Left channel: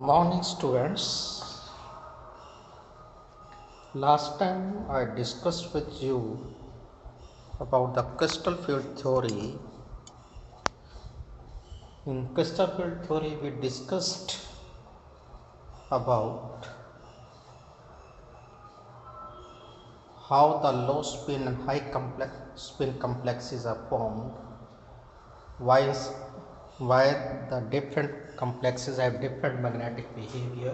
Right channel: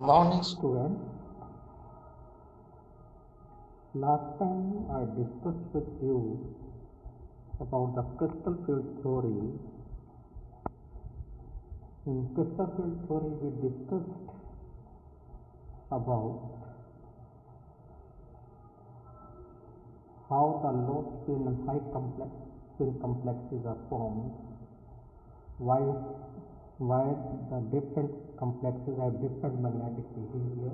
Morning students. Last time I discussed with you about the crystal field theory. In crystal field theory we discussed about how the low spin and high spin complexes are formed, why the different complexes have different magnetic behavior.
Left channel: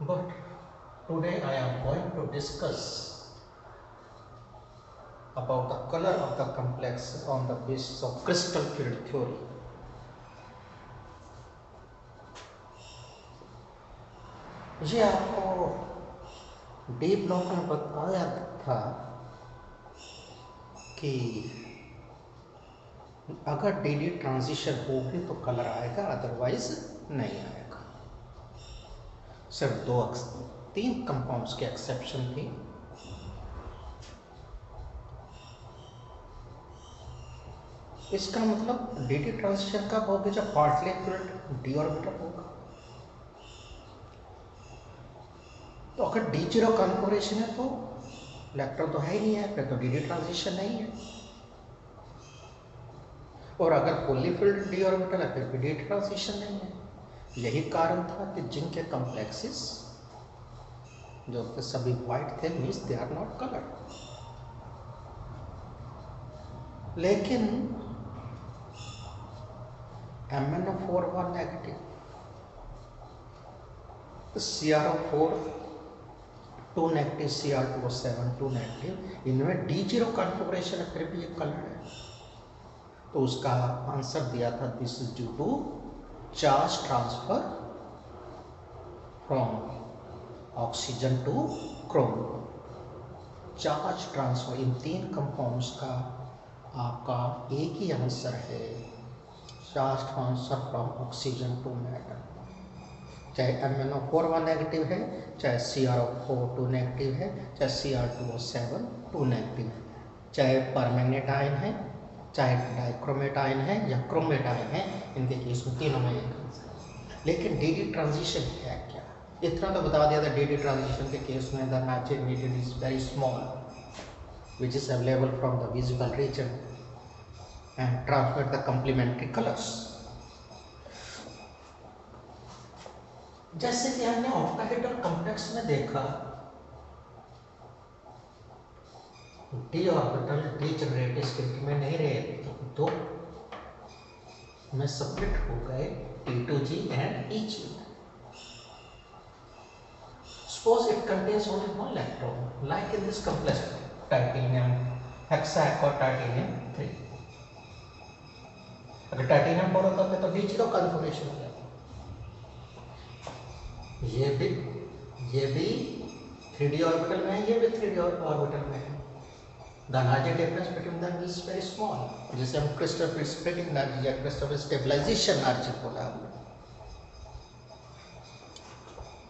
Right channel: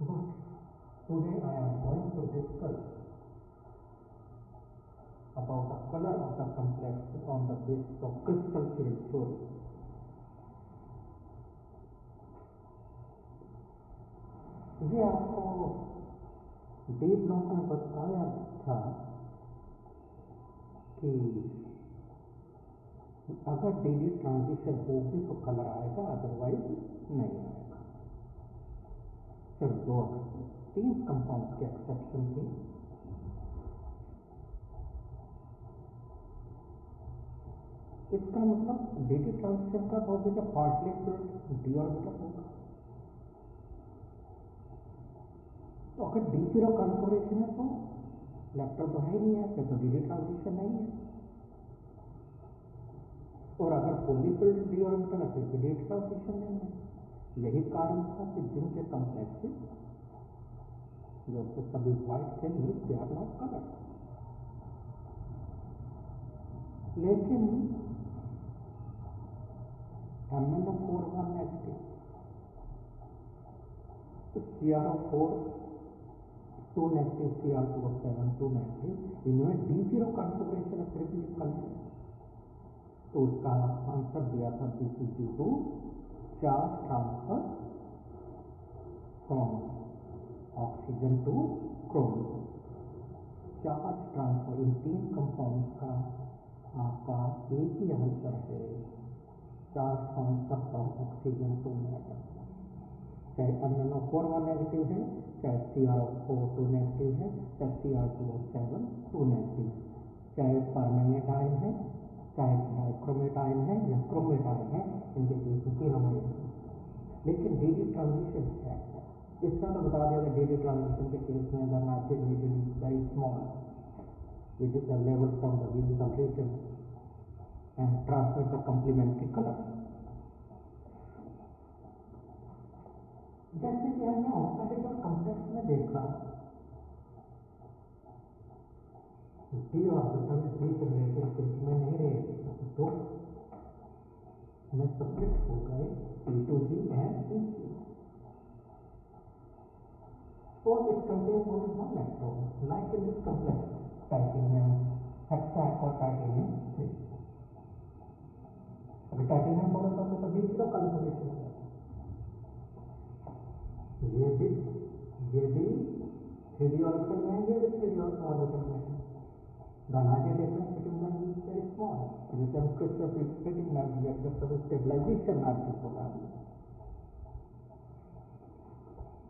But today I am going to discuss about the color of the complex on the basis of crystal field theory. ये आपको D block में बताया था कि अगर D transition होगी तो colour आएगा, अदरवाइज नहीं आएगा। सिर्फ तीन कंपाउंड्स के एक्सेप्शन थी। इसका मतलब डी ट्रांजिशन कब होगी? जब पार्टली फिल्ड डी ऑर्बिटल होगा। तो अगर डी जीरो कॉन्फिगरेशन है तो इलेक्ट्रॉन तो है ही नहीं है, फिर तो डी ट्रांजिशन नहीं है। और अगर फुल्ली फिल्ड डी ऑर्बिटल है फिर भी डी ट्रांजिशन नहीं है। यही कारण था कि जिनके कॉम्प्लेक्सेस जो थे सभी वाइट थे, means they are not colour. लेकिन MnO4 one negative, CrO4 2 negative, Cr2O7 2 negative, इनमें D0 कॉन्फ़िगरेशन है फिर भी ये कलर है। तो उसका आंसर दिया था this is due to charge transfer from oxygen to chrome. Charge transfer in तीन कंपाउंड्स का आपका एक ही आंसर है, charge transfer from oxygen to matter. चाहे MnO4 वन नेगेटिव है, चाहे CrO4 2 नेगेटिव है, चाहे Cr2O7 2 नेगेटिव है, चाहे परमैंगनेट आयन है, चाहे डाइक्रोमेट आयन है या क्रोमेट आयन है, इनके केस में तीनों में एक आंसर है। लेकिन डी ट्रांजिशन है क्या? इतना तो बता दिया था, डी ट्रांजिशन के केस में the matching medium is very small which is available from the visible region and transmit the complementary colors. जैसे कि हमने ऑक्टाहेड्रल कॉम्प्लेक्स में देखा, D orbital D generative state में नहीं रहे, तो में स्प्लिट हो गए T2G and EG. Suppose it contains only one electron, like in this complex titanium hexac और titanium 3. अगर टाइटेनियम 4 होता है तो D0 कॉन्फ़िगरेशन हो जाता। ये भी 3D ऑर्बिटल में है, ये भी 3D ऑर्बिटल में है। The larger difference between them is very small, जिसे हम क्रिस्टल फिल्ड स्प्लिटिंग एनर्जी या क्रिस्टल फिल्ड स्टेबलाइजेशन एनर्जी बोला हमने।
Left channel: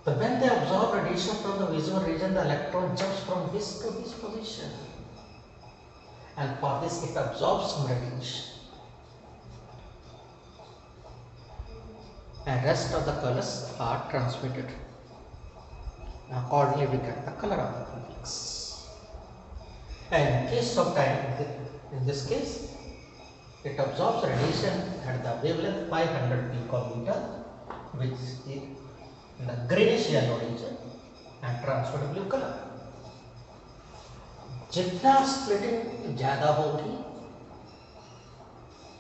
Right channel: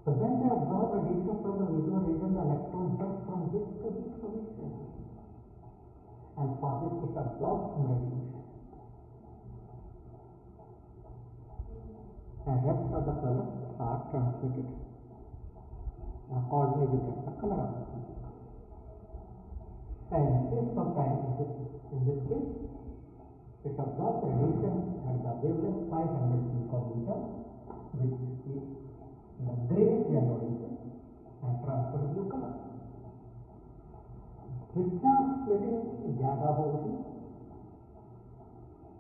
So when they absorb radiation from the visible region, the electron jumps from this to this position, and for this it absorbs some radiation, and rest of the colors are transmitted. Accordingly, we get the color of the complex. And in case of time, in this case, it absorbs radiation at the wavelength 500 picometer, which is in the greenish yellow region, and transmit blue color. जितना splitting ज्यादा होगी,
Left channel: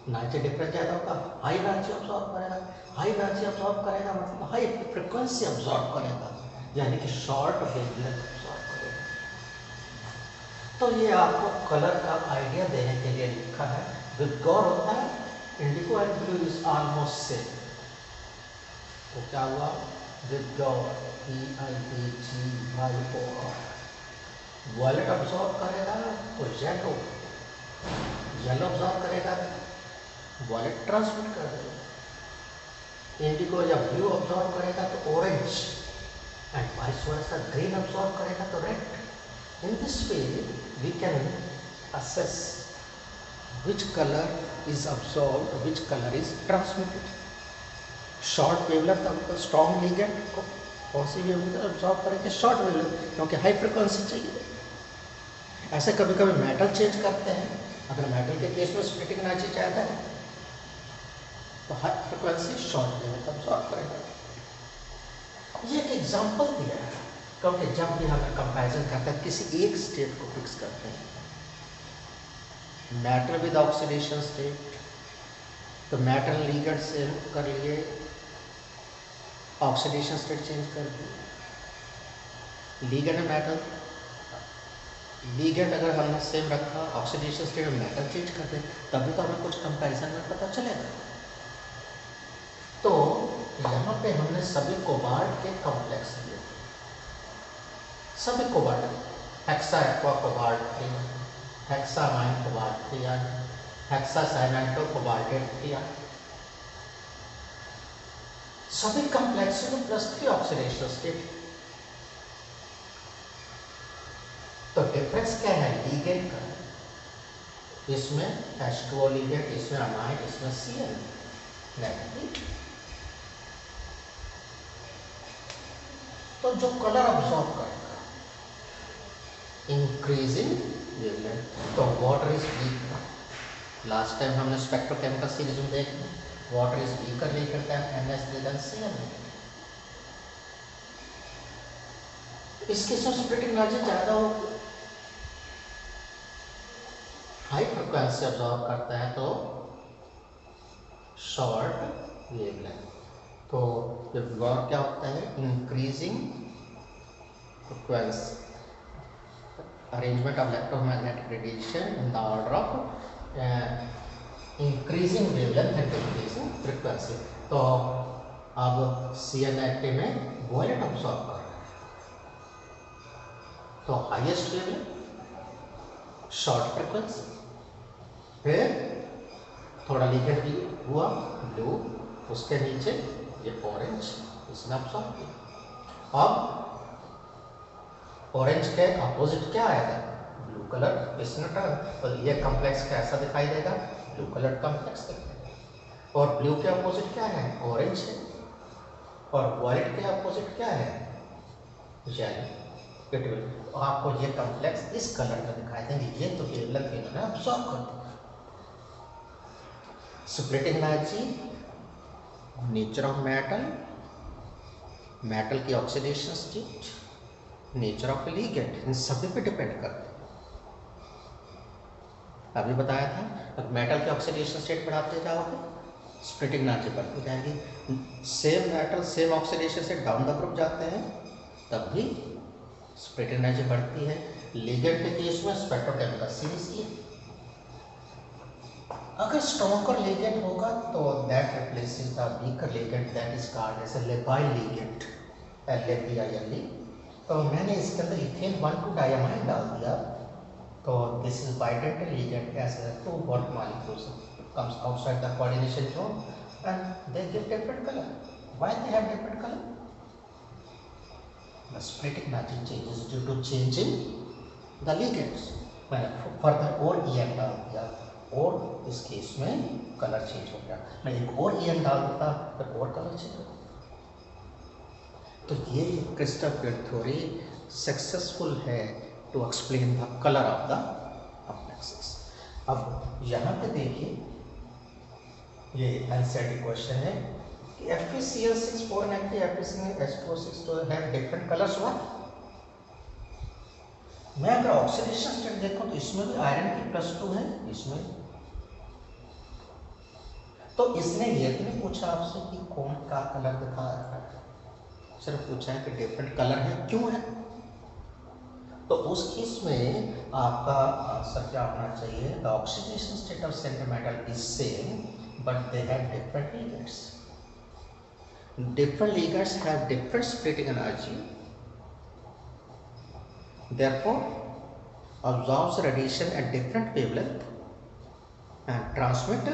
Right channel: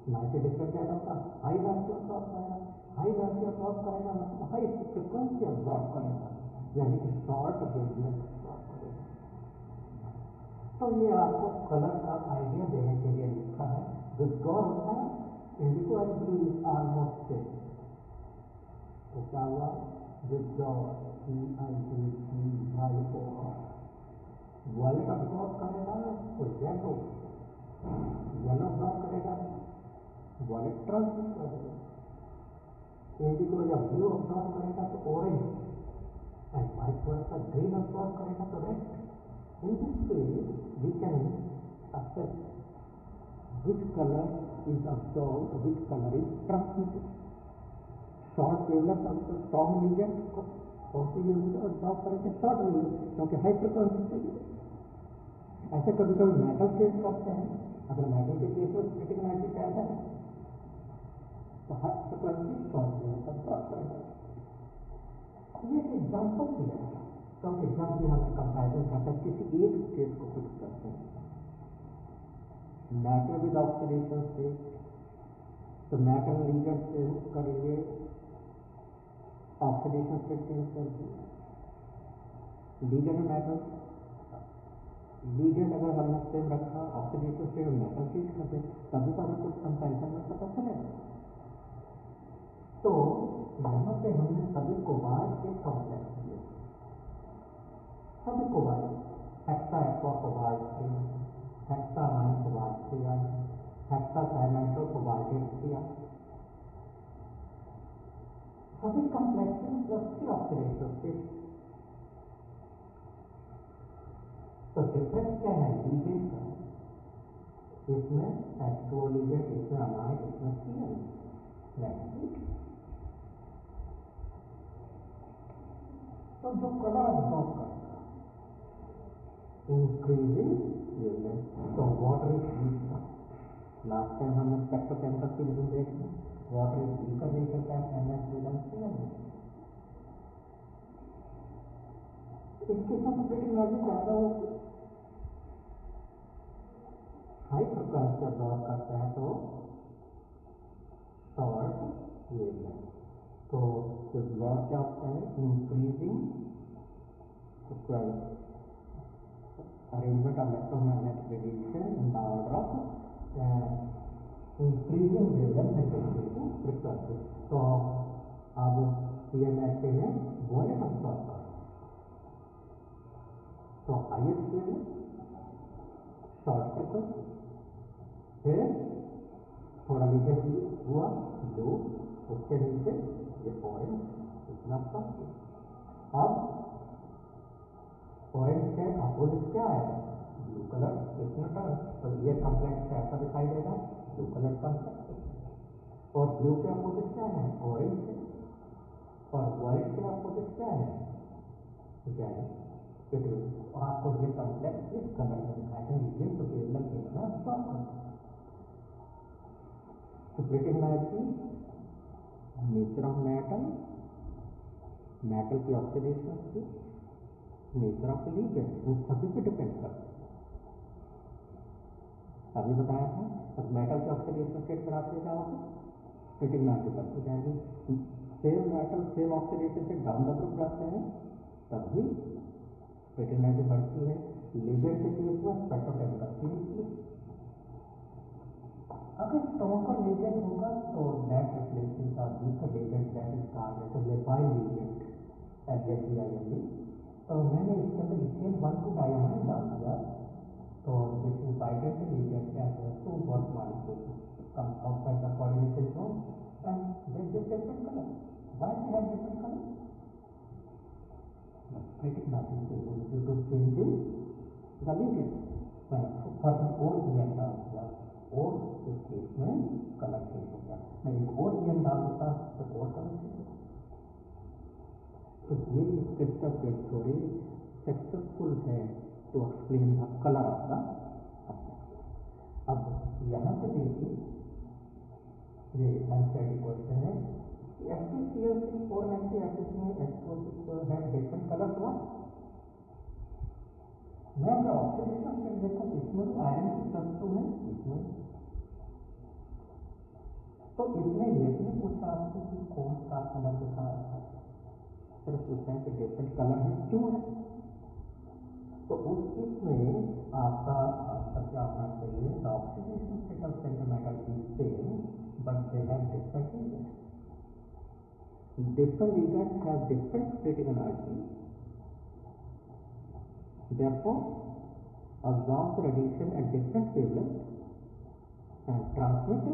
energy difference ज्यादा होगा, high energy absorb करेगा। High energy absorb करेगा मतलब high frequency absorb करेगा, यानी कि शॉर्ट वेवलेंथ अब्सॉर्ब करेगा। तो ये आपको कलर का आइडिया देने के लिए लिखा है। विद गौर होता है indigo and blue is almost same. तो क्या हुआ? विद गौर EIAGYOR, वॉयलेट अब्सॉर्ब करेगा तो येलो, येलो अब्सॉर्ब करेगा वॉयलेट ट्रांसमिट कर देगा। इंडिगो या ब्लू अब्सॉर्ब करेगा तो orange, and vice versa green absorb करेगा तो red. In this way, we can assess which color is absorbed, which color is transmitted. Short wavelength आपको strong ligand को कौन सी वेवलेंथ absorb करेंगे? शॉर्ट वेवलेंथ, क्योंकि high frequency चाहिए। ऐसे कभी कभी मेटल चेंज करते हैं। अगर मेटल के केस में स्प्लिटिंग एनर्जी ज़्यादा है तो high frequency short wavelength absorb करेगा। ये एक एग्जांपल दिया है, क्योंकि जब भी हम कंपैरिजन करते हैं किसी एक स्टेट को फिक्स करते हैं, मैटर विद ऑक्सीडेशन स्टेट, तो मैटर लिगेंड से कर लिए, ऑक्सीडेशन स्टेट चेंज कर दिए। लिगेंड मैटर, लिगेंड अगर हमने सेम रखा, ऑक्सीडेशन स्टेट में मैटर चेंज कर दे, तभी तो हमें कुछ कंपैरिजन में पता चलेगा। तो यहाँ पे हमने सभी कोबाल्ट के कॉम्प्लेक्स लिए, सभी कोबाल्ट, हेक्सा एक्वा कोबाल्ट लिया, हेक्सामाइन कोबाल्ट लिया, हेक्सासाइनाइटो कोबाल्टेट लिया, सभी कॉम्प्लेक्स में +3 ऑक्सीडेशन स्टेट। तो डिफरेंस क्या है लिगेंड का? इसमें H2O लिगेंड, इसमें अमाइन, इसमें Cl नेगेटिव। तो जो कलर अब्सॉर्ब करेगा इंक्रीजिंग वेवलेंथ, तो water is weak. Last time हमने स्पेक्ट्रोकेमिकल सीरीज में देखा, water is weaker weaker than NH3 than Cl। इसके साथ स्प्लिटिंग एनर्जी ज़्यादा होगी, हाई फ्रिक्वेंसी अब्सॉर्ब करता है तो शॉर्ट वेवलेंथ। तो वर्क क्या होता है? Increasing frequency, arrangement of electromagnetic radiation in the order of increasing wavelength and decreasing frequency. तो अब CN में वॉयलेट अब्सॉर्ब कर रहा है, तो हाईएस्ट वेवलेंथ, शॉर्ट फ्रिक्वेंसी, फिर थोड़ा लिगेंड भी हुआ ब्लू, उसके नीचे ये ऑरेंज, इसने अब्सॉर्ब किया। अब ऑरेंज के अपोजिट क्या आएगा? ब्लू कलर, इसने टर्न, तो ये कॉम्प्लेक्स कैसा दिखाई देगा? ब्लू कलर कॉम्प्लेक्स दिखाई। और ब्लू के अपोजिट क्या है? ऑरेंज है। और वाइट के अपोजिट क्या है? येलो। इट विल, आपको ये कॉम्प्लेक्स इस कलर का दिखाई देंगे। ये तो वेवलेंथ इन्होंने अब्सॉर्ब कर दिया। Splitting energy, nature of metal, metal की oxidation state, nature of ligand, इन सभी पे डिपेंड करता है। अभी बताया था, अगर मेटल की ऑक्सीडेशन स्टेट बढ़ाते जाओगे स्प्लिटिंग एनर्जी बढ़ती जाएगी। सेम मेटल सेम ऑक्सीडेशन से डाउन द ग्रुप जाते हैं तब भी स्प्लिटिंग एनर्जी बढ़ती है। लिगेंड के केस में स्पेक्ट्रोकेमिकल सीरीज की, अगर स्ट्रॉन्गर लिगेंड होगा तो that replaces the weaker ligand, that is called as a labile ligand, LABILE। तो मैंने इसके अंदर इथेन 1,2-डायमाइन डाल दिया, तो this is bidentate ligand as a 2 bond molecules comes outside the coordination zone and they give different color. Why they have different color? The splitting energy changes due to changing the ligands. मैंने further और EN डाल दिया और इस case में colour change हो गया। मैं एक और EN डाल देता तो और कलर चेंज हो गया। तो ये क्रिस्टल फील्ड थ्योरी सक्सेसफुल है to explain the colour of the complexes. अब यहाँ पे देखिए, ये एनसीईआरटी क्वेश्चन है कि FeCl6 490 FeCl2O6 तो है डिफरेंट कलर्स। हुआ मैं अगर ऑक्सीडेशन स्टेट देखूं तो इसमें भी आयरन की +2 है, इसमें। तो इसने ये तो नहीं पूछा आपसे कि कौन का कलर दिखा रहा है, सिर्फ पूछा है कि डिफरेंट कलर है, क्यों है। तो उस केस में आपका आंसर क्या होना चाहिए? The oxidation state of centre metal is same but they have different ligands. Different ligands have different splitting energy. Therefore, absorbs radiation at different wavelength and transmit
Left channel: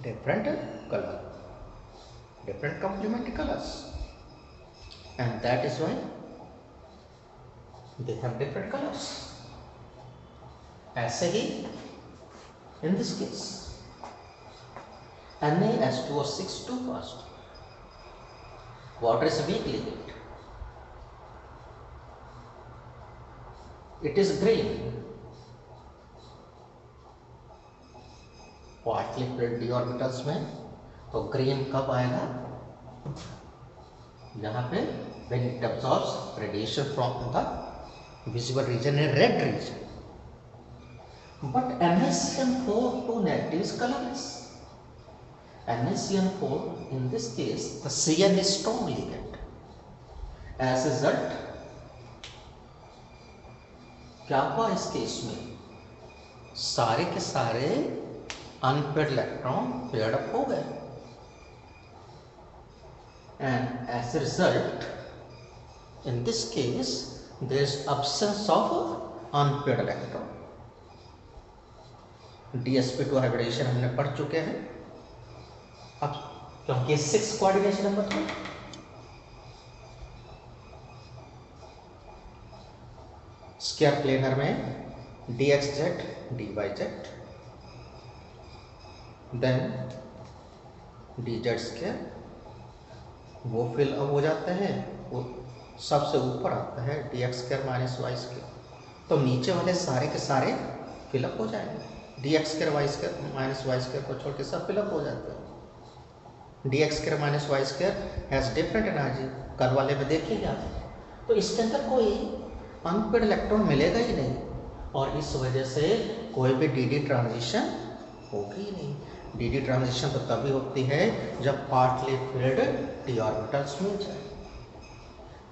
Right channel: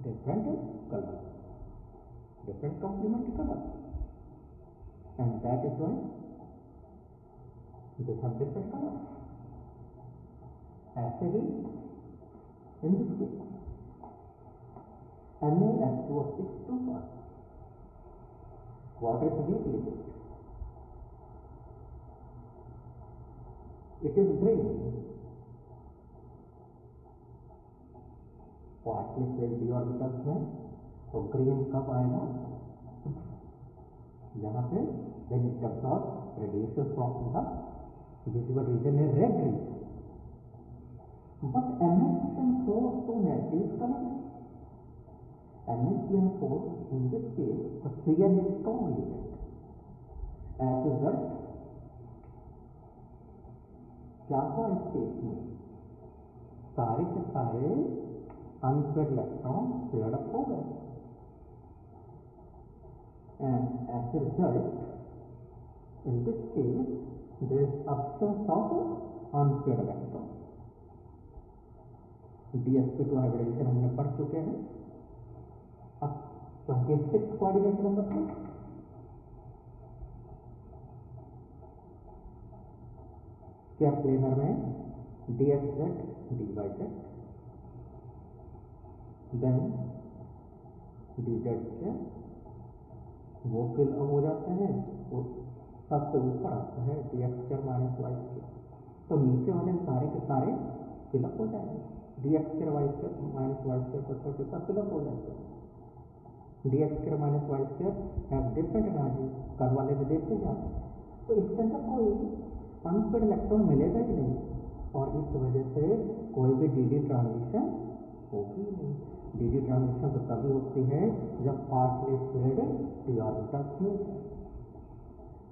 different color, different complementary colors, and that is why they have different colors. ऐसे ही In this case, NaH2O6 2 first. Water is a weak ligand. It is green. Partly filled d orbitals में तो green कब आएगा? यहाँ पे when it absorbs radiation from the visible region in red region. But NaCN4 2 negative is colorless. NaCN4 in this case the Cn is strong ligand. As a result, क्या हुआ इस case में? सारे के सारे अनपेड इलेक्ट्रॉन पेयर्ड अप हो गए, and as a result, in this case there is absence of unpaired electron. DsP2 hybridisation हमने पढ़ चुके हैं. अब क्योंकि 6 कोऑर्डिनेशन नंबर 2, स्क्वायर प्लेनर में dxz dyz then dz square वो फिल अप हो जाते हैं. वो सबसे ऊपर आता है dx square minus y square, तो नीचे वाले सारे के सारे फिलअप हो जाएंगे. dx square y square minus y square को छोड़ के सब फिलअप हो जाते हैं. dx square minus y square has different energy. कल वाले में देखिएगा आप, तो इसके अंदर कोई अनपेड इलेक्ट्रॉन मिलेगा ही नहीं, और इस वजह से कोई भी डी ट्रांजिशन होगी ही नहीं. डी ट्रांजिशन तो तभी होती है जब पार्टली फिल्ड डी ऑर्बिटल्स मिल जाए.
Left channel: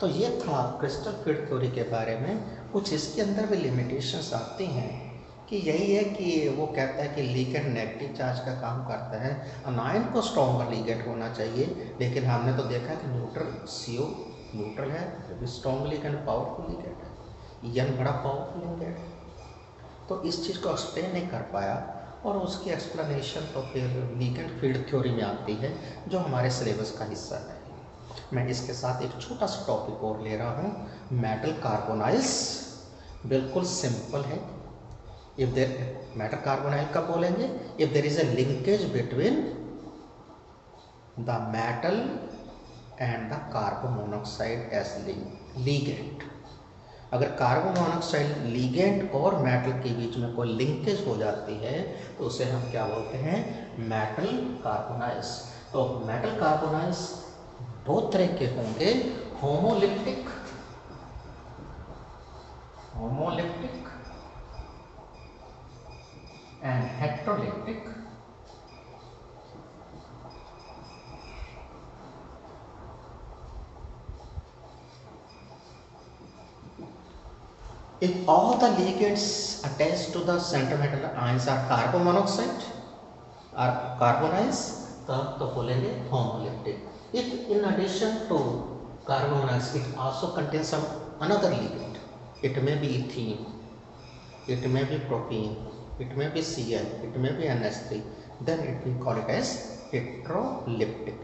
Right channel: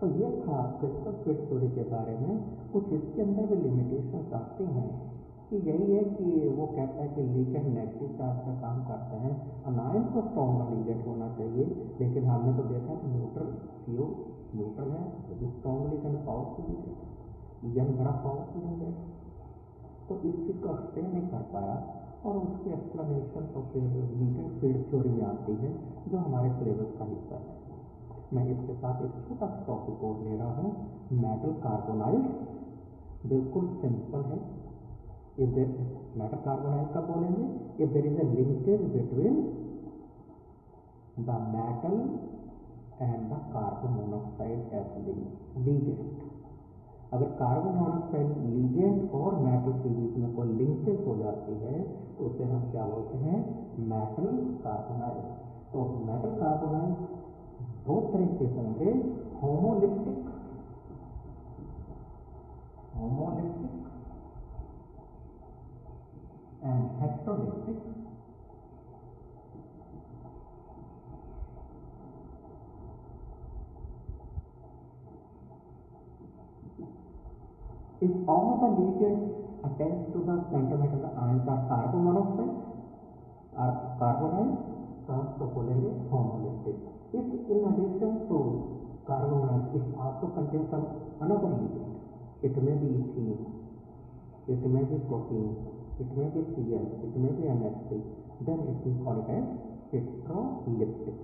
तो ये था क्रिस्टल फील्ड थ्योरी के बारे में. कुछ इसके अंदर भी लिमिटेशंस आती हैं कि यही है कि वो कहता है कि लिगेंड नेगेटिव चार्ज का काम करता है, अनायन को स्ट्रॉन्गर लिगेंड होना चाहिए, लेकिन हमने तो देखा कि न्यूट्रल CO न्यूट्रल है, भी स्ट्रॉन्ग लिगेंड पावरफुल लिगेंड है, यन बड़ा पावरफुल लिगेंड है. तो इस चीज़ को एक्सप्लेन नहीं कर पाया, और उसकी एक्सप्लेनेशन तो फिर लिगेंड फील्ड थ्योरी में आती है जो हमारे सिलेबस का हिस्सा है. मैं इसके साथ एक छोटा सा टॉपिक और ले रहा हूँ, मेटल कार्बोनाइल्स. बिल्कुल सिंपल है. इफ देर मेटल कार्बोनाइल कब बोलेंगे? If there is a linkage between the metal and the carbon monoxide as ligand. अगर कार्बन मोनोऑक्साइड लिगेंड और मेटल के बीच में कोई लिंकेज हो जाती है तो उसे हम क्या बोलते हैं? Metal carbonyls. तो मेटल कार्बोनाइल्स दो तरह के होंगे, homoleptic and हेट्रोलिप्टिक. If all the ligands attached to the center metal ions are carbon monoxide or carbonides, तब तो बोलेंगे homoleptic. If in addition to carbon monoxide it also contains some another ligand, it may be ethene, it may be propene, it may be Cl, it may be NH3, then it we call it as heteroleptic.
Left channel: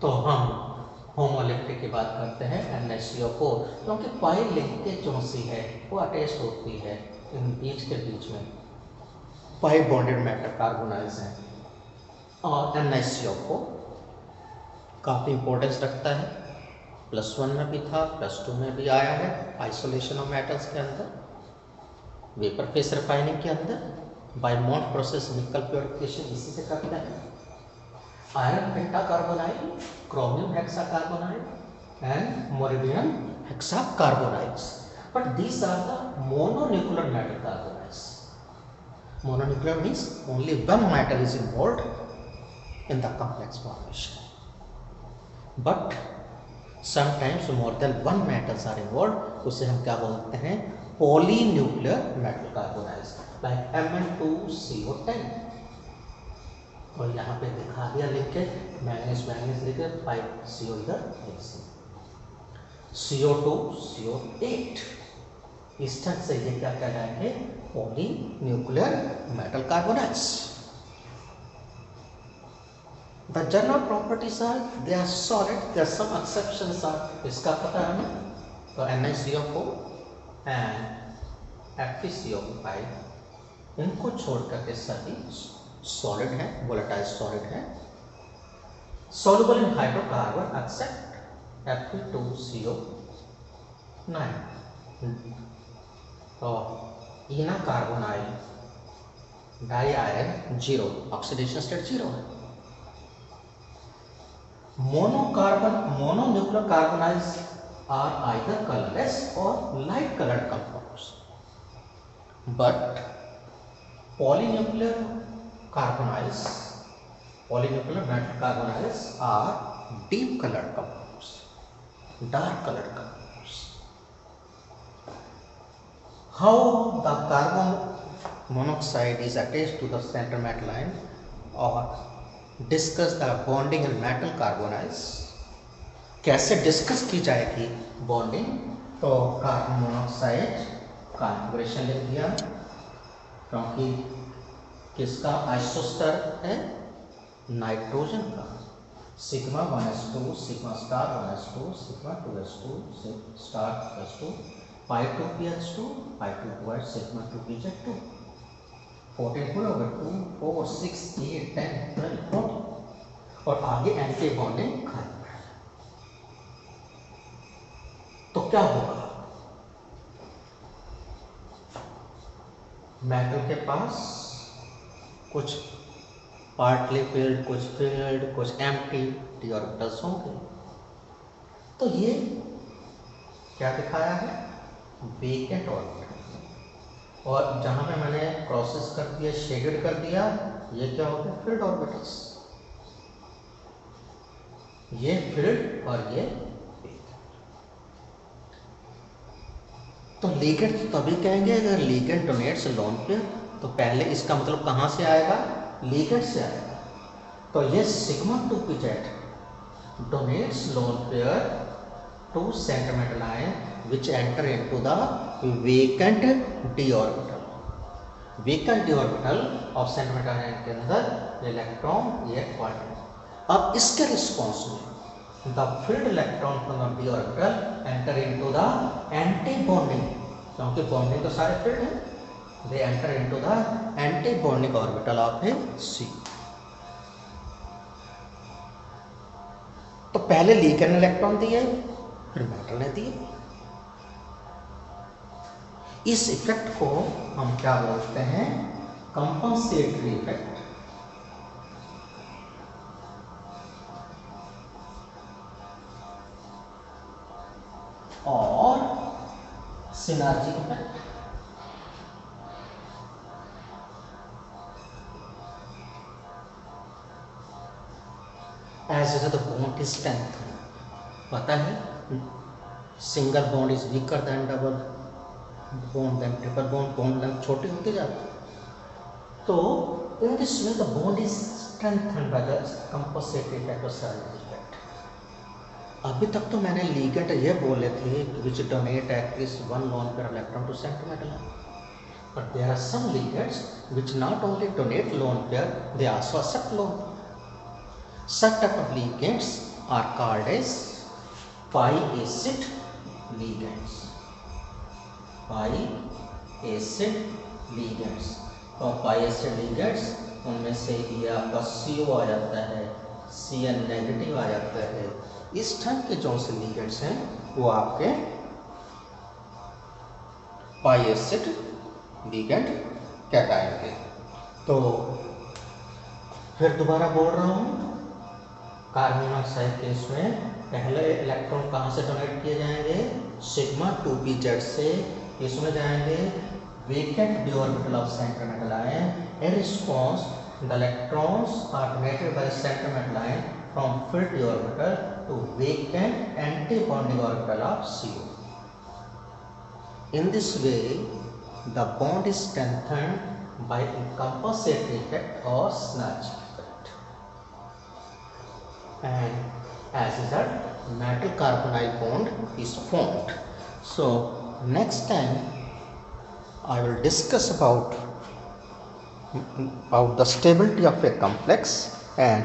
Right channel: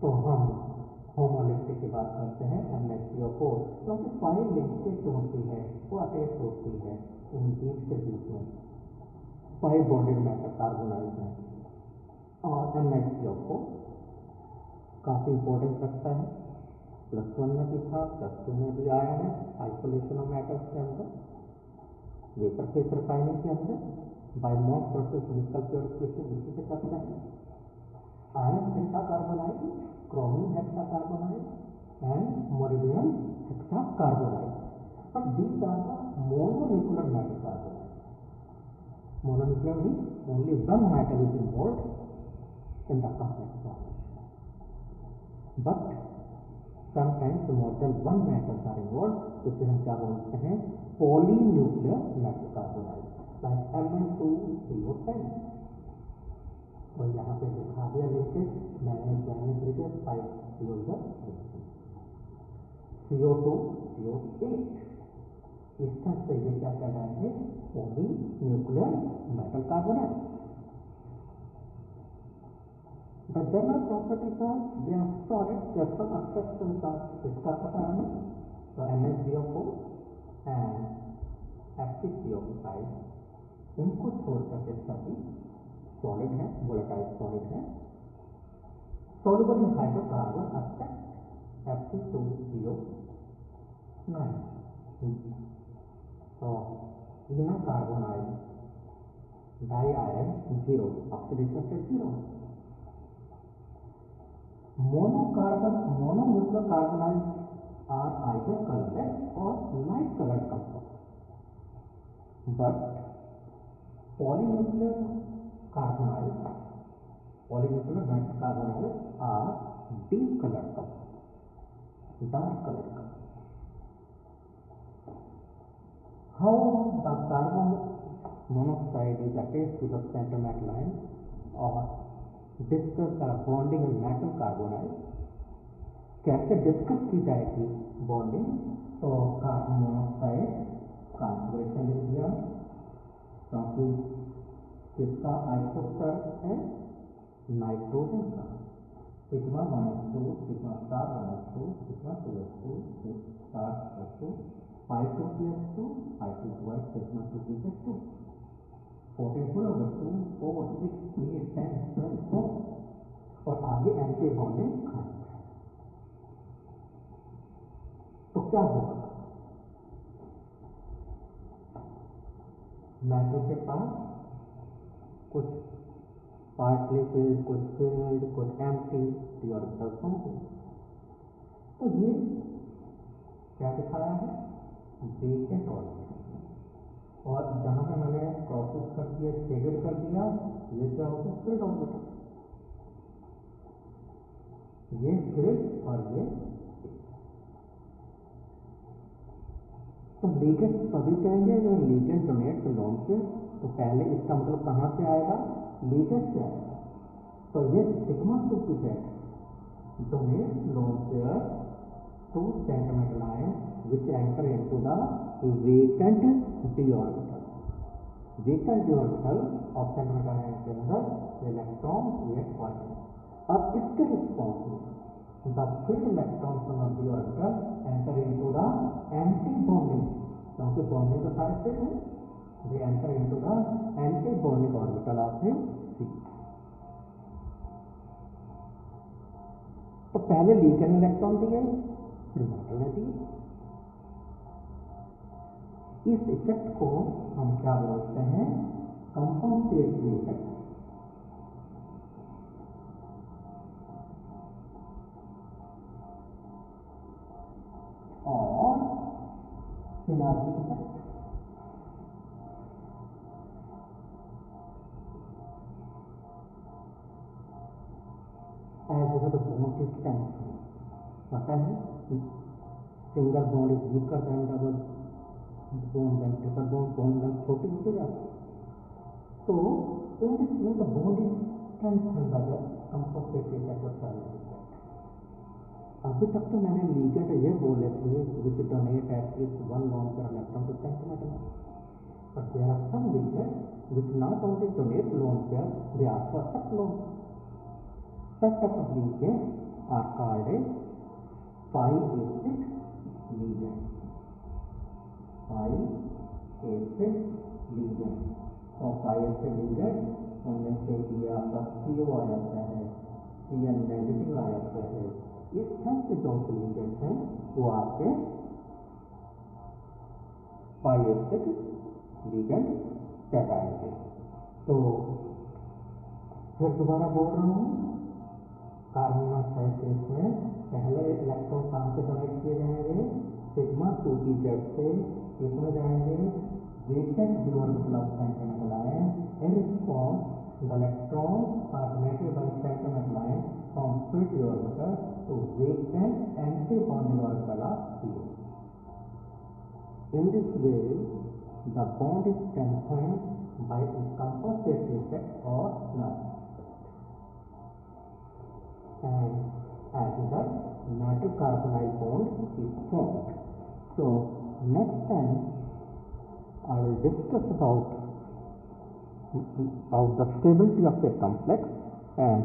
तो हम homoleptic की बात करते हैं NaCO4, क्योंकि पाई linkage जो सी है वो अटैच होती है इन बीच के बीच में. पाई बॉन्डेड मेटल कार्बोनाइल्स हैं, और NaCO4 काफ़ी इंपॉर्टेंस रखता है. +1 में भी था, +2 में भी आया है. आइसोलेशन ऑफ मेटल्स के अंदर, वेपर फेस रिफाइनिंग के अंदर, बाय मॉन्ट प्रोसेस निकल प्योरिफिकेशन इसी से करते हैं. Iron pentacarbonyl, chromium hexacarbonyl, and molybdenum hexacarbonyls. But these are the mononuclear metal carbonyls. Mononuclear means only one metal is involved in the complex formation. But sometimes more than one metals are involved. उसे हम क्या बोलते हैं? Polynuclear metal carbonyls, like Mn2CO10. और यहाँ पे दिखा दिया लिखे मैंगनीज लिखे 5CO इधर CO2 CO8. इस तरह से ये क्या कहलाएंगे? Polynuclear metal carbonyls. The general properties are they are solid, there some exceptions are. इसका पता है हमें, तो NaCO4 एंड FeCO5 इनको छोड़ करके सभी सॉलिड हैं, वोलेटाइल सॉलिड हैं। soluble in hydrocarbon except Fe2CO9 और ennea carbonyl di iron 0, oxidation state 0 है। Mononuclear carbonyls are either colourless और light coloured compounds, but polynuclear metal carbonyls are deep colored compounds, dark colored compounds. How the carbon monoxide is attached to the center metal line, or discuss the bonding in metal carbonyls. कैसे discuss की जाएगी bonding? तो carbon monoxide configuration लिख दिया, क्योंकि किसका isoster है? Nitrogen का। Sigma 1s2 sigma star 1s2 sigma 2s2 star 2s2 पाई 2ph2 पाई 2 सिग्मा 2pz2 14 4 over 2 4 6 8 10 12 14 और आगे एंटी बॉन्डिंग खत्म। तो क्या होगा? मेटल के पास कुछ पार्टली फिल्ड, कुछ एम्प्टी डी ऑर्बिटल्स होंगे। तो ये क्या दिखाया है? Vacant orbital. और जहां पे मैंने क्रॉसेस कर दिया, शेडेड कर दिया, ये क्या हो गया? Field orbitals. ये फिल्ड और ये वेकेंट। तो लिगेंड तभी कहेंगे अगर लिगेंड डोनेट्स लोन पेयर, तो पहले इसका मतलब कहां से आएगा? लिगेंड से आएगा। तो ये sigma 2pz donates lone pair to center metal ion which enter into the vacant d orbital. Vacant d orbital of center metal ion के अंदर इलेक्ट्रॉन ये क्वांटम। अब इसके रिस्पॉन्स में the filled electron from the d orbital enter into the anti bonding, क्योंकि bonding तो सारे field हैं, they enter into the anti bonding orbital of C. तो पहले लीगेंड इलेक्ट्रॉन दिए, फिर मेटल ने दिए। इस इफेक्ट को हम क्या बोलते हैं? Compensatory effect. और synergy effect. As the bond is strengthened, पता है single bond is weaker than double bond, then triple bond, bond length छोटी होती जाती है। तो in this way the bond is strengthened by the compensatory effect और synergy effect. अभी तक तो मैंने लीगेंड ये बोले थे which donate at least one lone pair electron to centre metal, but there are some ligands which not only donate lone pair, they also accept lone. Such type of ligands are called as pi-acid ligands. Pi-acid ligands। और pi-acid ligands उनमें से ये आपका CO आ जाता है, Cn negative आ जाता है। इस टाइप के जो से ligands हैं वो आपके pi-acid ligand कहलाएंगे। तो फिर दोबारा बोल रहा हूँ, कार्बन मोनोऑक्साइड केस में पहले इलेक्ट्रॉन कहाँ से डोनेट किए जाएंगे? सिग्मा 2pz से। इसमें जाएंगे vacant d orbital of center metal ion. In response, the electrons are donated by center metal ion from filled d orbital to vacant anti-bonding orbital of CO. In this way, the bond is strengthened by compensatory effect or synergy. And as a result, metal carbonyl bond is formed. So next time I will discuss about the stability of a complex and